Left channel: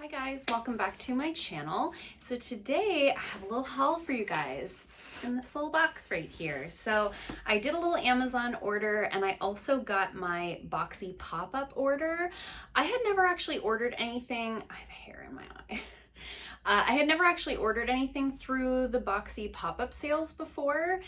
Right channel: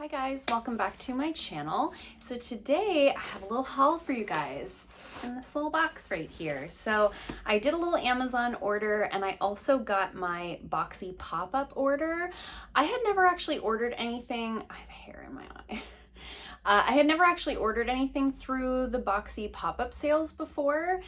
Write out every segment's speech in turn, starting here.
Hi guys, welcome back to my channel. So today I have a little haul for you guys in this little box right here. So I did a little Amazon order and I also got my Boxy pop-up order. I had never actually ordered anything. I have hair in my eye. I had never actually ordered anything through the Boxy pop-up sales before.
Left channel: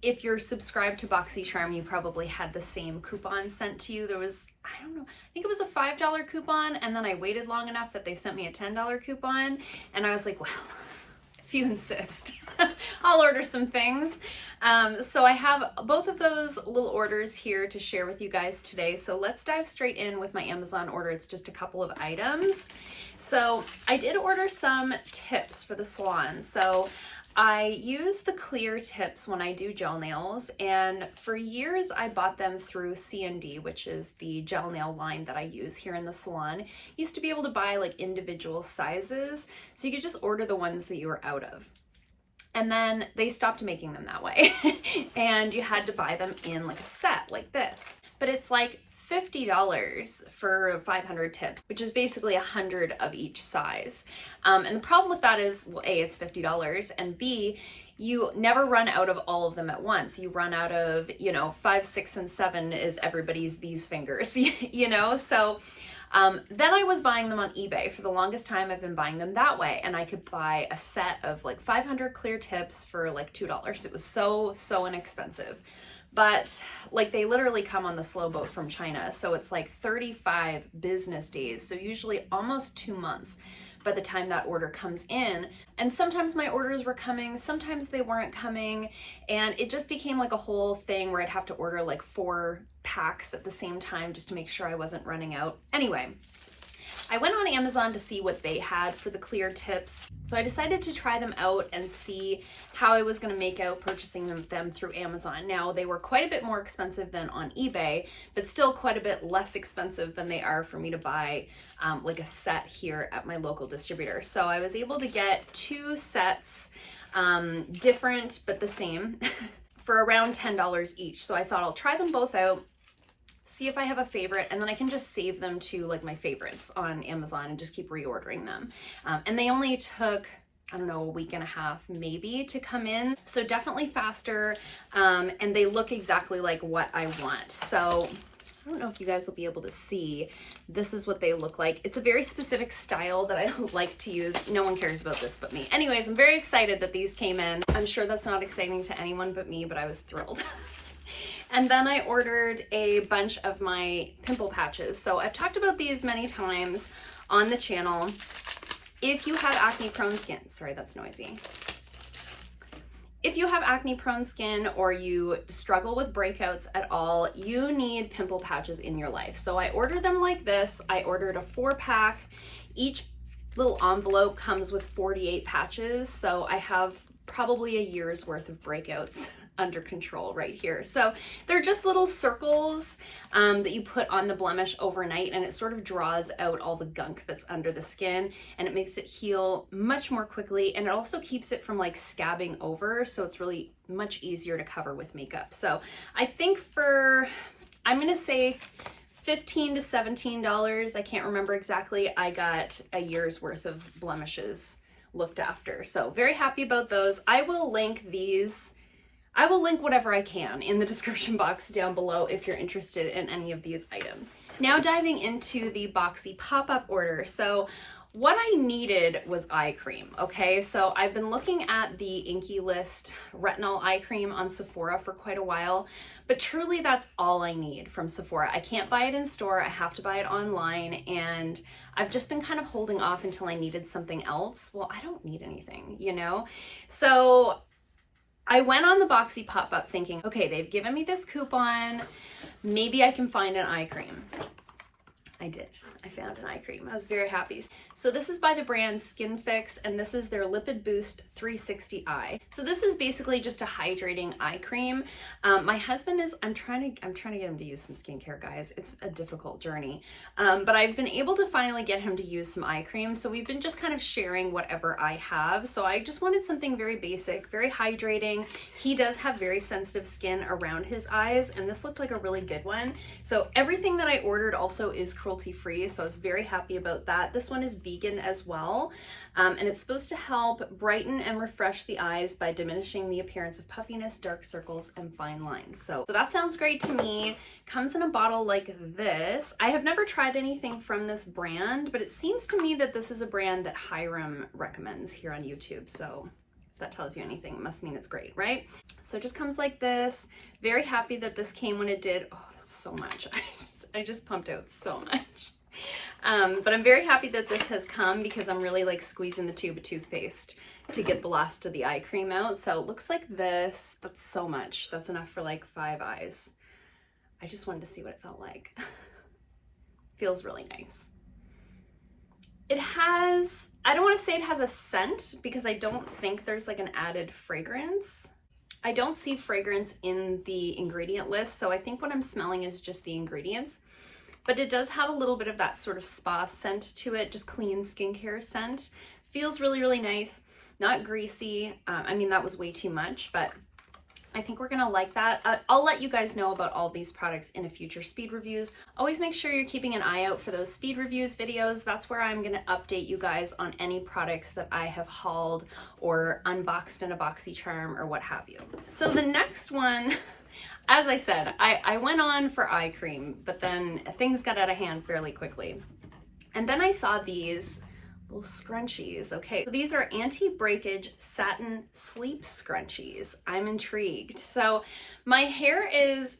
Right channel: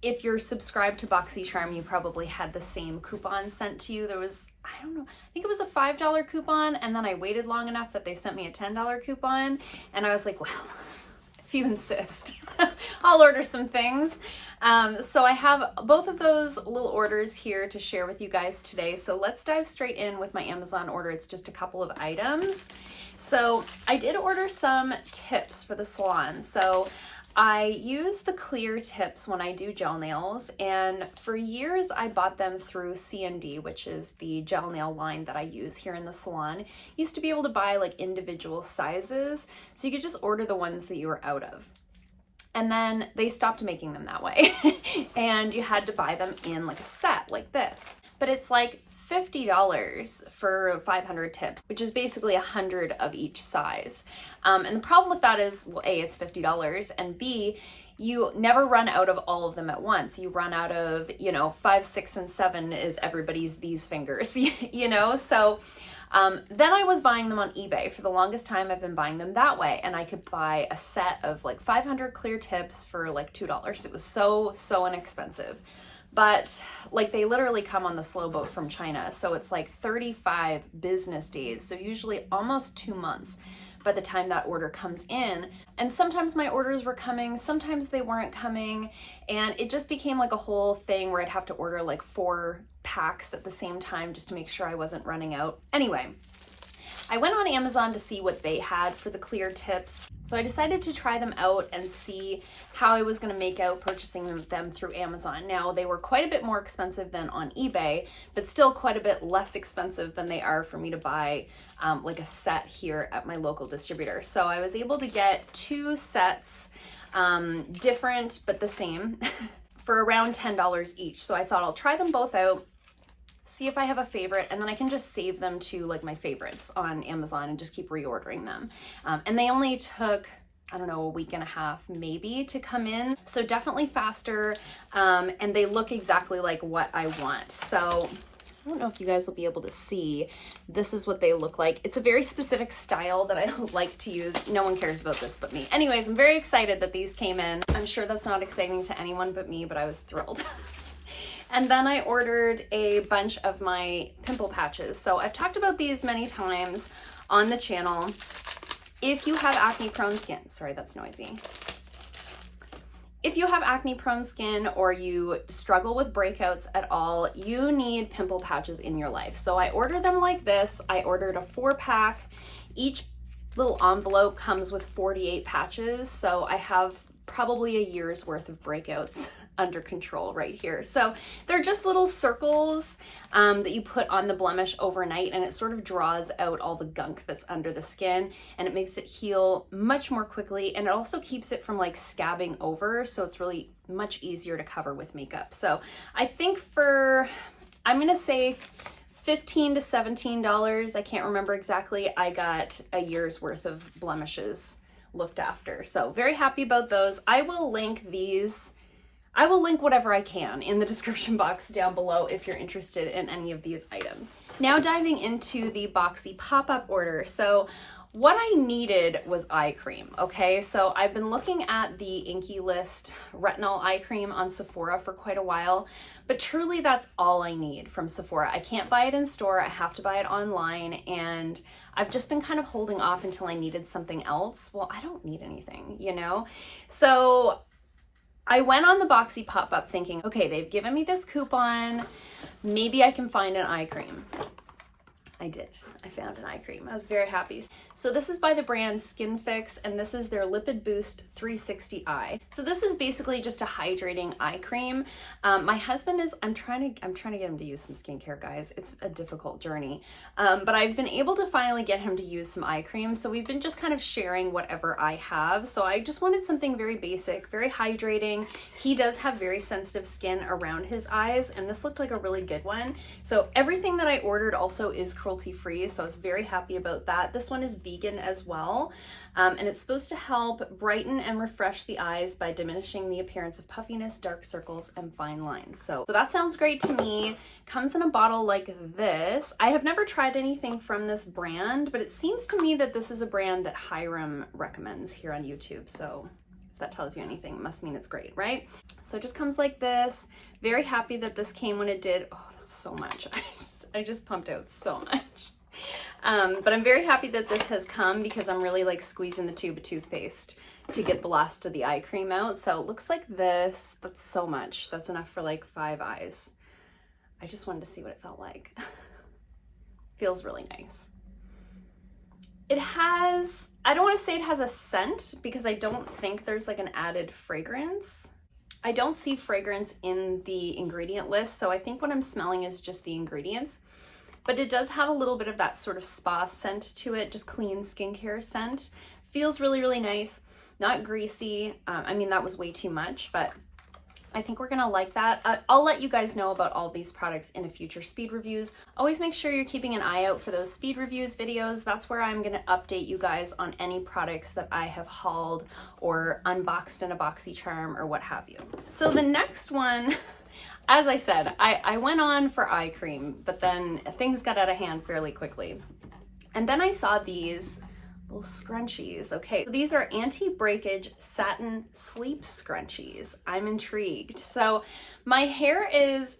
If you're subscribed to Boxy Charm, you probably had the same coupon sent to you. There was, I don't know, I think it was a $5 coupon, and then I waited long enough that they sent me a $10 coupon, and I was like, well, if you insist, I'll order some things. So I have both of those little orders here to share with you guys today. So let's dive straight in with my Amazon order. It's just a couple of items. So I did order some tips for the salon. So I use the clear tips when I do gel nails, and for years I bought them through C&D, which is the gel nail line that I use here in the salon. Used to be able to buy like individual sizes, so you could just order the ones that you were out of. And then they stopped making them that way and you had to buy them in like a set like this. But it's like $50 for 500 tips, which is basically 100 of each size. And the problem with that is, well, A, it's $50, and B, you never run out of all of them at once. You run out of, 5, 6, and 7 is everybody's these fingers, So then I was buying them on eBay. For the longest time, I've been buying them that way, and I could buy a set of like 500 clear tips for like $2. It was so inexpensive. But like they literally come on the slow boat from China. So it's like 35 business days. So usually almost 2 months by the time that order comes in. And sometimes my orders were coming, sometimes they weren't coming. And it just became like a whole thing where I'd have to order like 4 packs at the same time just to make sure I wasn't running out. Anyway, I went on Amazon to see what they had for the clear tips. So I decided to try them out and see how I was going to make out purchasing them through Amazon. Now, they were quite a bit more expensive than on eBay, but still quite a bit less expensive than they are for me to buy like a set here at my local distributor. So I was able to get 2 sets, different but the same, for around $10 each. So I thought I'll try them both out, see if I have a favorite, and then I can just save them to like my favorites on Amazon and just keep reordering them. And they only took, I don't know, a week and a half maybe to come in. So definitely faster, and they look exactly like what I want. So I don't know if you guys will be able to see. This is what they look like. It's a very specific style that I like to use. No one cares about this but me. Anyways, I'm very excited that these came in. I'm sure that's not exciting to anyone but me, but I was thrilled. And then I ordered a bunch of my pimple patches. So I've talked about these many times on the channel. If you have acne prone skin, sorry, that's noisy. If you have acne prone skin or you struggle with breakouts at all, you need pimple patches in your life. So I ordered them like this. I ordered a 4-pack. Each little envelope comes with 48 patches. So I have probably a year's worth of breakouts under control right here. So they're just little circles that you put on the blemish overnight, and it sort of draws out all the gunk that's under the skin, and it makes it heal much more quickly, and it also keeps it from like scabbing over, so it's really much easier to cover with makeup. So I think I'm gonna say $15 to $17, I can't remember exactly, I got a year's worth of blemishes looked after. So very happy about those. I will link whatever I can in the description box down below if you're interested in any of these items. Now diving into the Boxy pop-up order. So what I needed was eye cream, okay? So I've been looking at the Inky List retinol eye cream on Sephora for quite a while, but truly that's all I need from Sephora. I can't buy it in store, I have to buy it online, and I've just been kind of holding off until I needed something else. Well, I don't need anything, So I went on the Boxy pop-up thinking, okay, they've given me this coupon, maybe I can find an eye cream. I did. I found an eye cream. I was very happy. So this is by the brand SkinFix, and this is their Lipid-Boost 360 Eye. So this is basically just a hydrating eye cream. My husband is, I'm trying to get him to use some skincare, guys. It's a difficult journey. But I've been able to finally get him to use some eye cream. So we've been just kind of sharing whatever I have. So I just wanted something very basic, very hydrating. He does have very sensitive skin around his eyes, and this looked like a really good one. So everything that I ordered also is cruelty-free, so I was very happy about that. This one is vegan as well, and it's supposed to help brighten and refresh the eyes by diminishing the appearance of puffiness, dark circles, and fine lines. So that sounds great to me. Comes in a bottle like this. I have never tried anything from this brand, but it seems to me that this is a brand that Hiram recommends here on YouTube, so if that tells you anything, it must mean it's great, right? So it just comes like this. Very happy that this came when it did. Oh, that's so much. I just pumped out so much. But I'm very happy that this has come because I'm really like squeezing the tube of toothpaste to get the last of the eye cream out. So it looks like this. That's so much. That's enough for like 5 eyes. I just wanted to see what it felt like. Feels really nice. It has, I don't want to say it has a scent because I don't think there's like an added fragrance. I don't see fragrance in the ingredient list, so I think what I'm smelling is just the ingredients. But it does have a little bit of that sort of spa scent to it, just clean skincare scent. Feels really, really nice. Not greasy. I mean, that was way too much, but I think we're gonna like that. I'll let you guys know about all these products in a future speed reviews. Always make sure you're keeping an eye out for those speed reviews videos. That's where I'm gonna update you guys on any products that I have hauled or unboxed in a Boxy charm or what have you. So the next one, as I said, I went on for eye cream, but then things got out of hand fairly quickly. And then I saw these little scrunchies. Okay, so these are anti-breakage satin sleep scrunchies. I'm intrigued. So my hair is,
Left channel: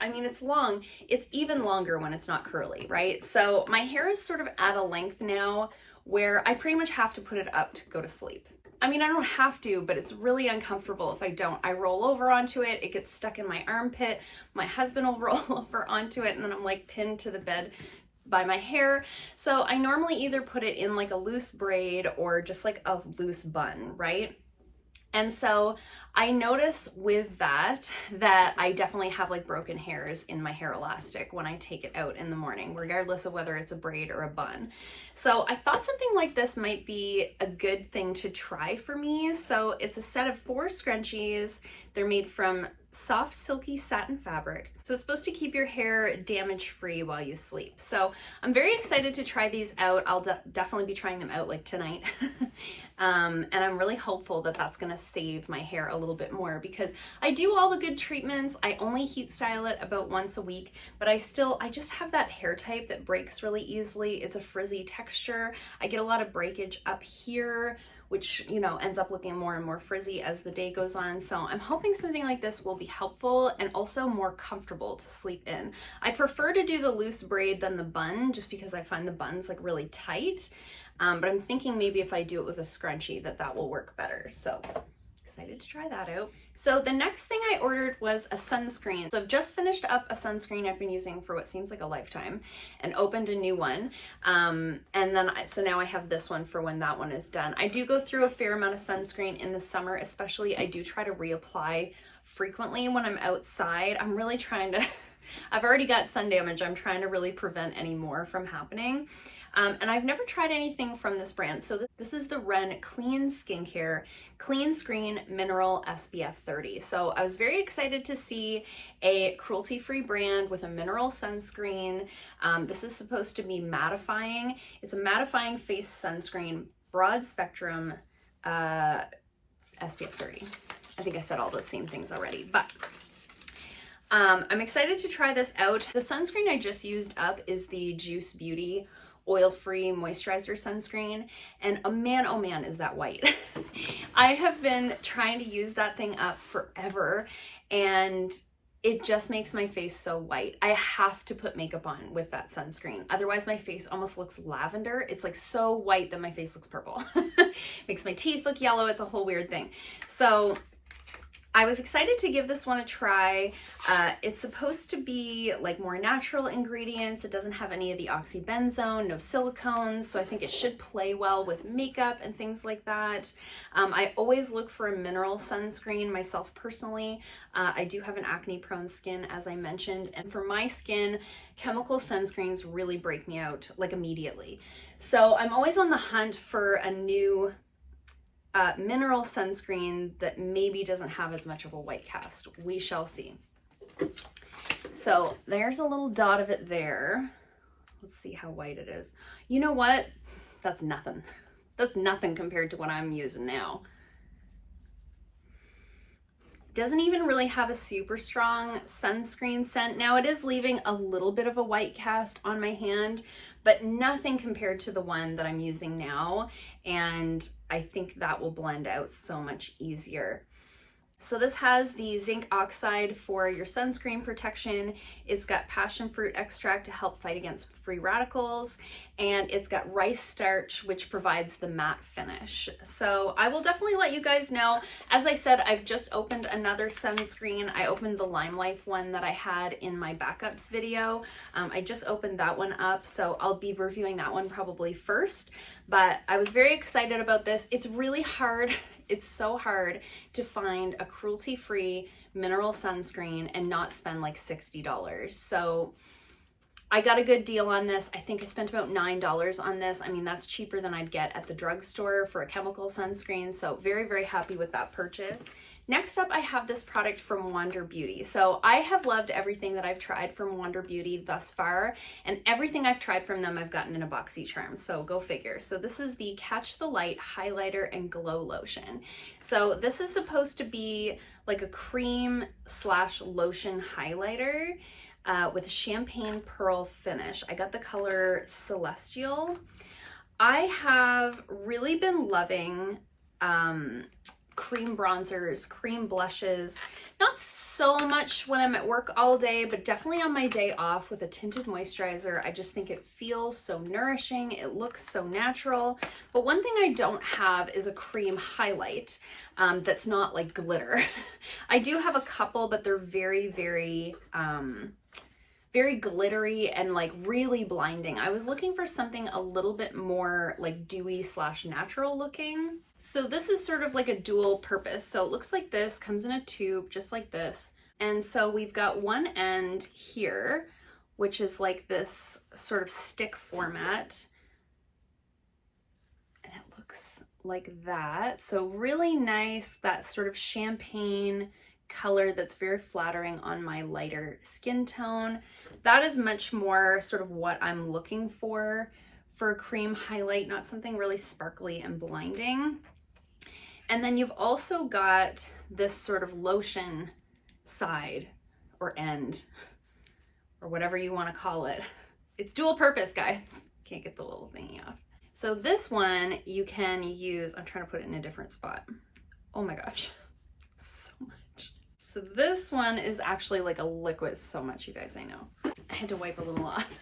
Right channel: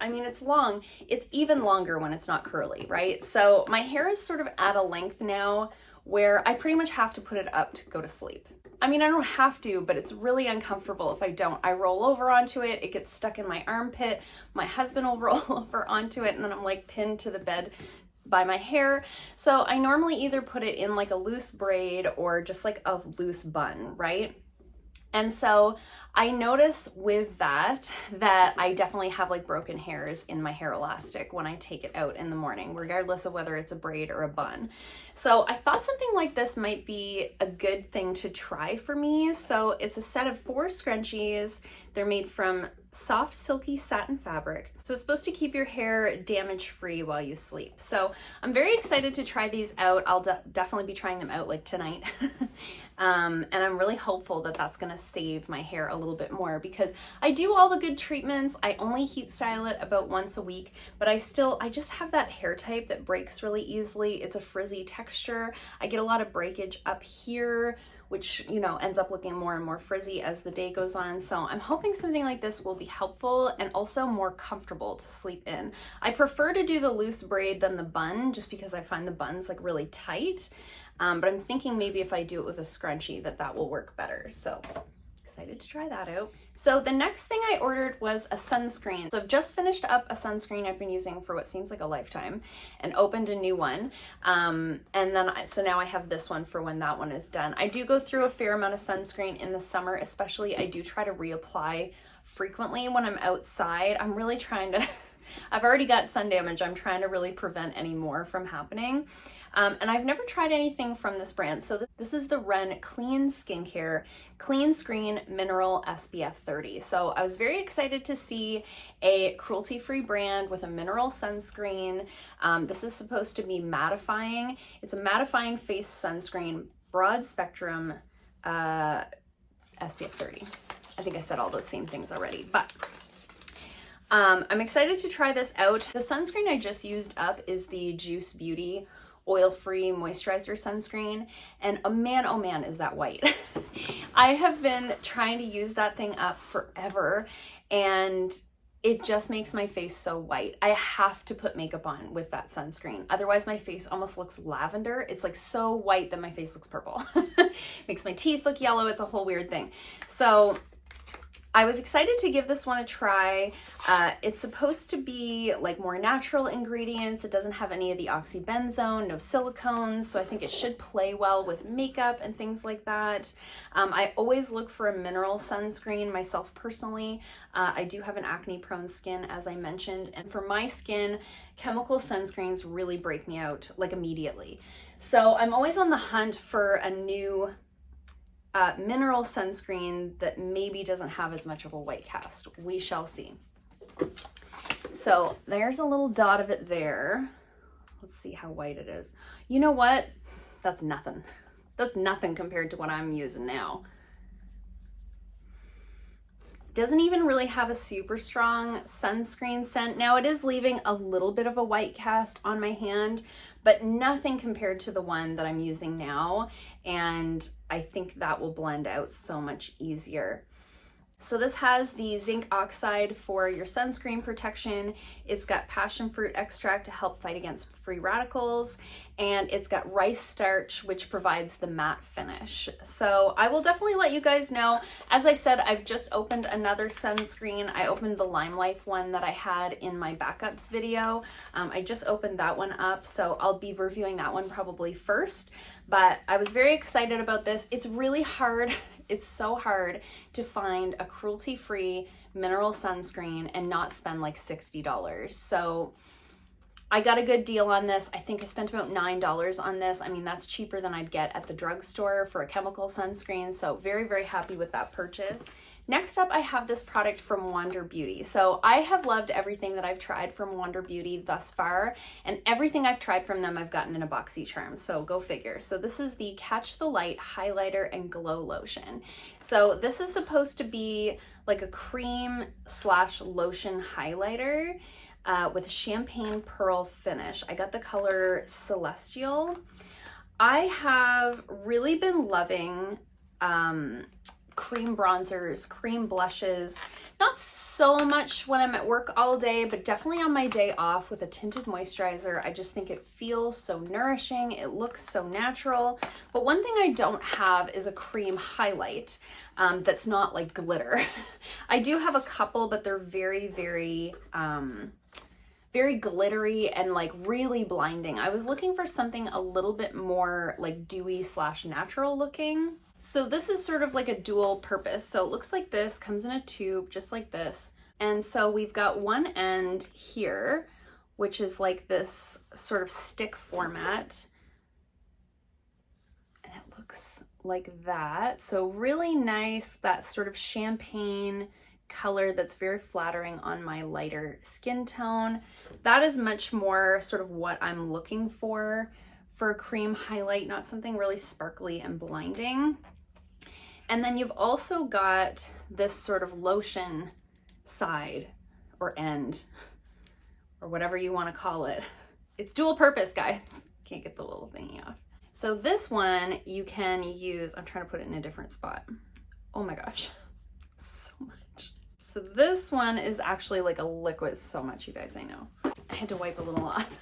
I mean, it's long. It's even longer when it's not curly, right? So my hair is sort of at a length now where I pretty much have to put it up to go to sleep. I mean, I don't have to, but it's really uncomfortable if I don't. I roll over onto it, it gets stuck in my armpit, my husband will roll over onto it, and then I'm like pinned to the bed by my hair. So I normally either put it in like a loose braid or just like a loose bun, right? And so I notice with that I definitely have like broken hairs in my hair elastic when I take it out in the morning, regardless of whether it's a braid or a bun. So I thought something like this might be a good thing to try for me. So it's a set of 4 scrunchies. They're made from soft, silky satin fabric. So it's supposed to keep your hair damage-free while you sleep. So I'm very excited to try these out. I'll definitely be trying them out like tonight. And I'm really hopeful that that's gonna save my hair a little bit more because I do all the good treatments. I only heat style it about once a week, but I just have that hair type that breaks really easily. It's a frizzy texture. I get a lot of breakage up here, which, you know, ends up looking more and more frizzy as the day goes on. So I'm hoping something like this will be helpful and also more comfortable to sleep in. I prefer to do the loose braid than the bun just because I find the buns like really tight. But I'm thinking maybe if I do it with a scrunchie that will work better. So excited to try that out. So the next thing I ordered was a sunscreen. So I've just finished up a sunscreen I've been using for what seems like a lifetime and opened a new one. And then so now I have this one for when that one is done. I do go through a fair amount of sunscreen in the summer, especially. I do try to reapply frequently when I'm outside. I'm really trying to, I've already got sun damage. I'm trying to really prevent any more from happening. And I've never tried anything from this brand. So this is the Ren Clean Skincare Clean Screen Mineral SPF 30. So I was very excited to see a cruelty-free brand with a mineral sunscreen. This is supposed to be mattifying. It's a mattifying face sunscreen, broad spectrum SPF 30. I think I said all those same things already, but I'm excited to try this out. The sunscreen I just used up is the Juice Beauty oil-free moisturizer sunscreen, and oh man, is that white. I have been trying to use that thing up forever, and it just makes my face so white. I have to put makeup on with that sunscreen. Otherwise, my face almost looks lavender. It's like so white that my face looks purple. Makes my teeth look yellow. It's a whole weird thing. So I was excited to give this one a try. It's supposed to be like more natural ingredients. It doesn't have any of the oxybenzone, no silicones, so I think it should play well with makeup and things like that. I always look for a mineral sunscreen myself personally. I do have an acne-prone skin, as I mentioned, and for my skin, chemical sunscreens really break me out like immediately. So I'm always on the hunt for a new mineral sunscreen that maybe doesn't have as much of a white cast. We shall see. So there's a little dot of it there. Let's see how white it is. You know what? That's nothing. That's nothing compared to what I'm using now. Doesn't even really have a super strong sunscreen scent. Now it is leaving a little bit of a white cast on my hand, but nothing compared to the one that I'm using now. And I think that will blend out so much easier. So this has the zinc oxide for your sunscreen protection. It's got passion fruit extract to help fight against free radicals. And it's got rice starch, which provides the matte finish. So I will definitely let you guys know. As I said, I've just opened another sunscreen. I opened the Lime Life one that I had in my backups video. I just opened that one up, so I'll be reviewing that one probably first. But I was very excited about this. It's really hard. It's so hard to find a cruelty-free mineral sunscreen and not spend like $60. So I got a good deal on this. I think I spent about $9 on this. I mean, that's cheaper than I'd get at the drugstore for a chemical sunscreen. So very, very happy with that purchase. Next up, I have this product from Wander Beauty. So I have loved everything that I've tried from Wander Beauty thus far, and everything I've tried from them I've gotten in a Boxy charm, so go figure. So this is the Catch the Light Highlighter and Glow Lotion. So this is supposed to be like a cream / lotion highlighter with a champagne pearl finish. I got the color Celestial. I have really been loving cream bronzers, cream blushes, not so much when I'm at work all day, but definitely on my day off with a tinted moisturizer. I just think it feels so nourishing. It looks so natural. But one thing I don't have is a cream highlight that's not like glitter. I do have a couple, but they're very, very glittery and like really blinding. I was looking for something a little bit more like dewy / natural looking. So this is sort of like a dual purpose. So it looks like this, comes in a tube just like this. And so we've got one end here, which is like this sort of stick format. And it looks like that. So really nice, that sort of champagne color that's very flattering on my lighter skin tone. That is much more sort of what I'm looking for a cream highlight, not something really sparkly and blinding. And then you've also got this sort of lotion side or end or whatever you want to call it. It's dual purpose, guys. Can't get the little thingy off. So this one you can use, I'm trying to put it in a different spot. Oh my gosh, so much. So this one is actually like a liquid, so much, you guys, I know. I had to wipe a little off.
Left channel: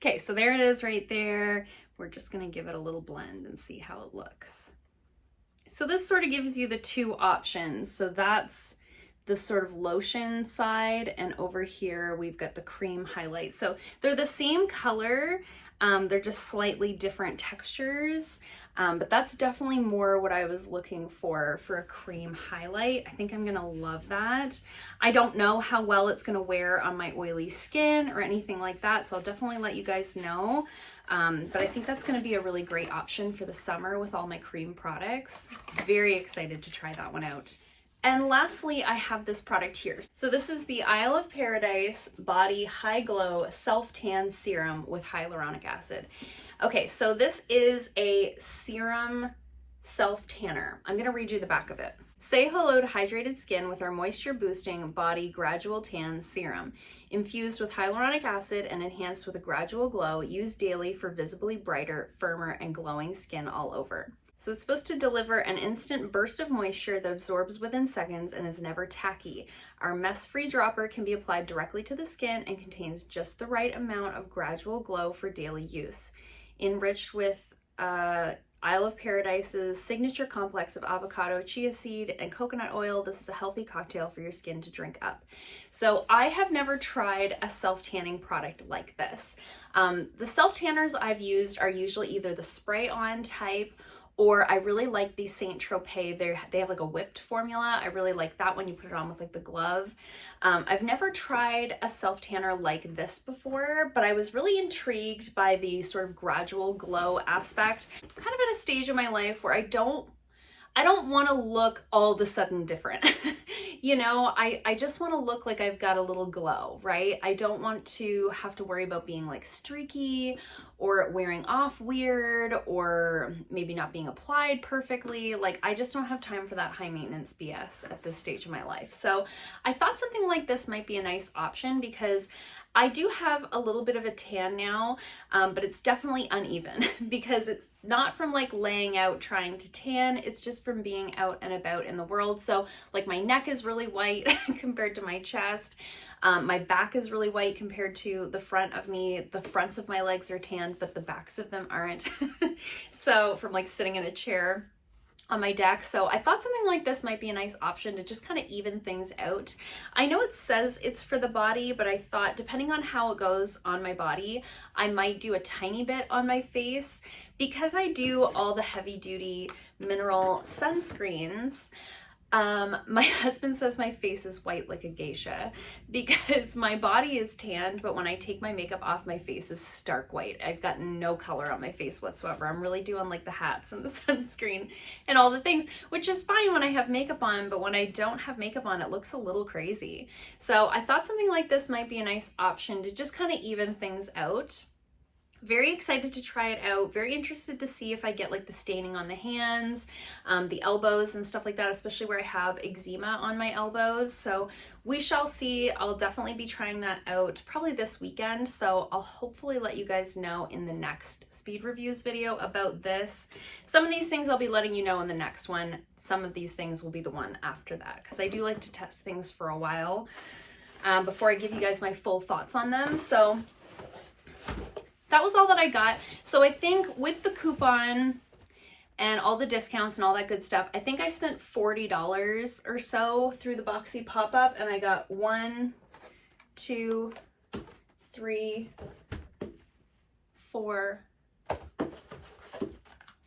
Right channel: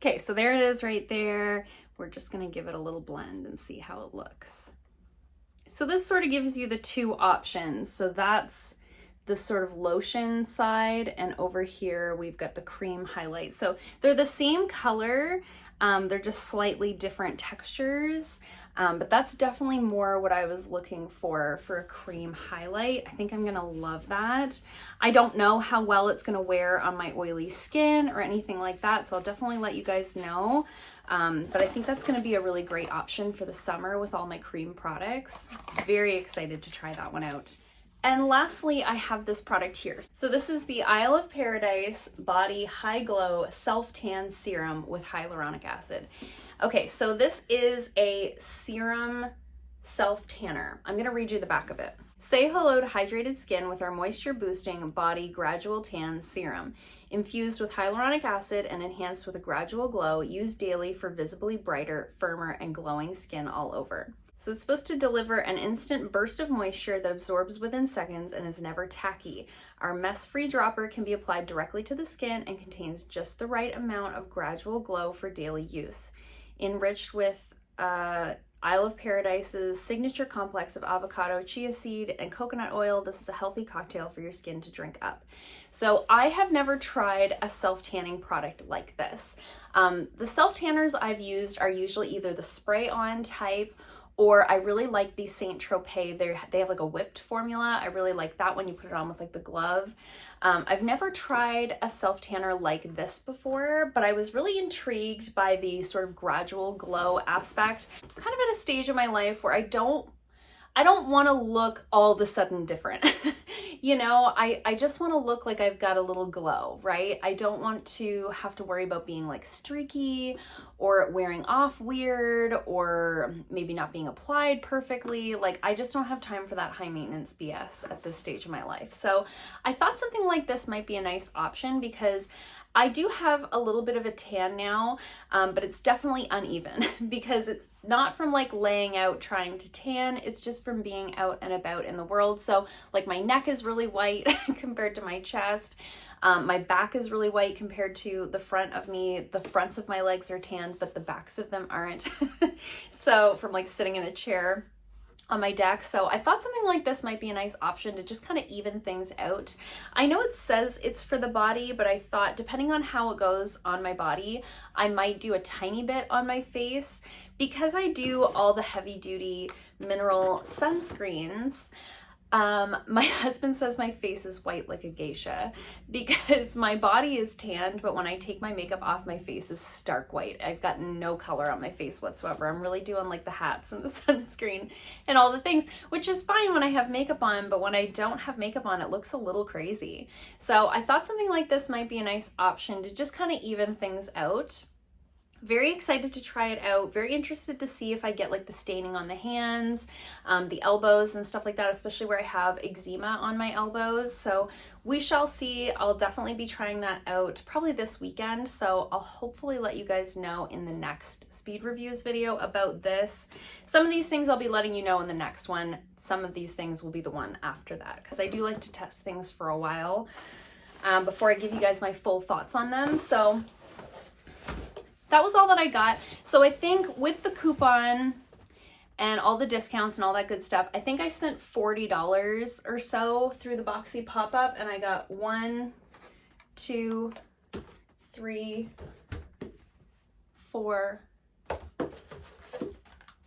Okay, so there it is right there. We're just gonna give it a little blend and see how it looks. So this sort of gives you the two options. So that's the sort of lotion side, and over here we've got the cream highlight. So they're the same color, they're just slightly different textures. But that's definitely more what I was looking for a cream highlight. I think I'm gonna love that. I don't know how well it's gonna wear on my oily skin or anything like that, so I'll definitely let you guys know. But I think that's gonna be a really great option for the summer with all my cream products. Very excited to try that one out. And lastly, I have this product here. So this is the Isle of Paradise Body Hyglo Self Tan Serum with hyaluronic acid. Okay, so this is a serum self-tanner. I'm gonna read you the back of it. Say hello to hydrated skin with our moisture-boosting body gradual tan serum. Infused with hyaluronic acid and enhanced with a gradual glow, used daily for visibly brighter, firmer, and glowing skin all over. So it's supposed to deliver an instant burst of moisture that absorbs within seconds and is never tacky. Our mess-free dropper can be applied directly to the skin and contains just the right amount of gradual glow for daily use. Enriched with Isle of Paradise's signature complex of avocado, chia seed, and coconut oil, this is a healthy cocktail for your skin to drink up. So I have never tried a self-tanning product like this. The self-tanners I've used are usually either the spray-on type, or I really like the Saint Tropez. They have like a whipped formula. I really like that when you put it on with like the glove. I've never tried a self-tanner like this before, but I was really intrigued by the sort of gradual glow aspect. I'm kind of at a stage in my life where I don't I don't want to look all of a sudden different. You know, I just want to look like I've got a little glow, right? I don't want to have to worry about being like streaky or wearing off weird or maybe not being applied perfectly. Like, I just don't have time for that high maintenance BS at this stage of my life. So I thought something like this might be a nice option because I do have a little bit of a tan now, but it's definitely uneven because it's not from like laying out trying to tan, it's just from being out and about in the world. So like my neck is really white compared to my chest. My back is really white compared to the front of me. The fronts of my legs are tanned, but the backs of them aren't. So from like sitting in a chair on my deck. So I thought something like this might be a nice option to just kind of even things out. I know it says it's for the body, but I thought depending on how it goes on my body, I might do a tiny bit on my face because I do all the heavy duty mineral sunscreens. My husband says my face is white like a geisha because my body is tanned, but when I take my makeup off, my face is stark white. I've got no color on my face whatsoever. I'm really doing like the hats and the sunscreen and all the things, which is fine when I have makeup on, but when I don't have makeup on, it looks a little crazy. So I thought something like this might be a nice option to just kind of even things out. Very excited to try it out. Very interested to see if I get like the staining on the hands, the elbows and stuff like that, especially where I have eczema on my elbows. So we shall see. I'll definitely be trying that out probably this weekend. So I'll hopefully let you guys know in the next speed reviews video about this. Some of these things I'll be letting you know in the next one. Some of these things will be the one after that because I do like to test things for a while before I give you guys my full thoughts on them. So that was all that I got. So I think with the coupon and all the discounts and all that good stuff, I think I spent $40 or so through the Boxy pop-up, and I got 1, 2, 3, 4, 5.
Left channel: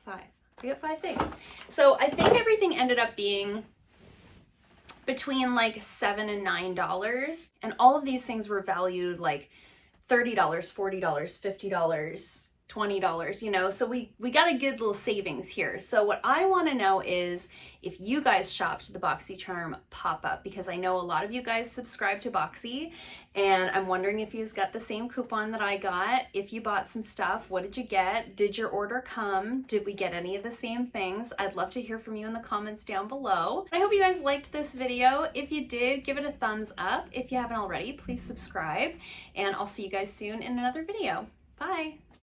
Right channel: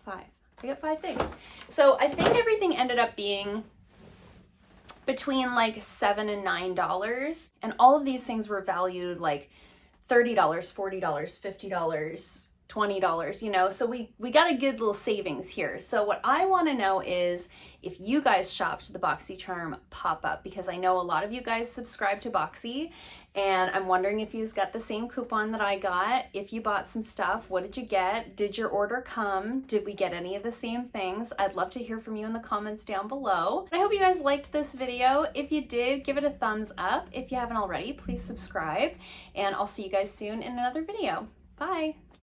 I got 5 things. So I think everything ended up being between like $7 and $9, and all of these things were valued like $30, $40, $50, $20, you know, so we got a good little savings here. So what I want to know is if you guys shopped the Boxy Charm pop-up, because I know a lot of you guys subscribe to Boxy, and I'm wondering if you got the same coupon that I got. If you bought some stuff, what did you get? Did your order come? Did we get any of the same things? I'd love to hear from you in the comments down below. I hope you guys liked this video. If you did, give it a thumbs up. If you haven't already, please subscribe, and I'll see you guys soon in another video. Bye.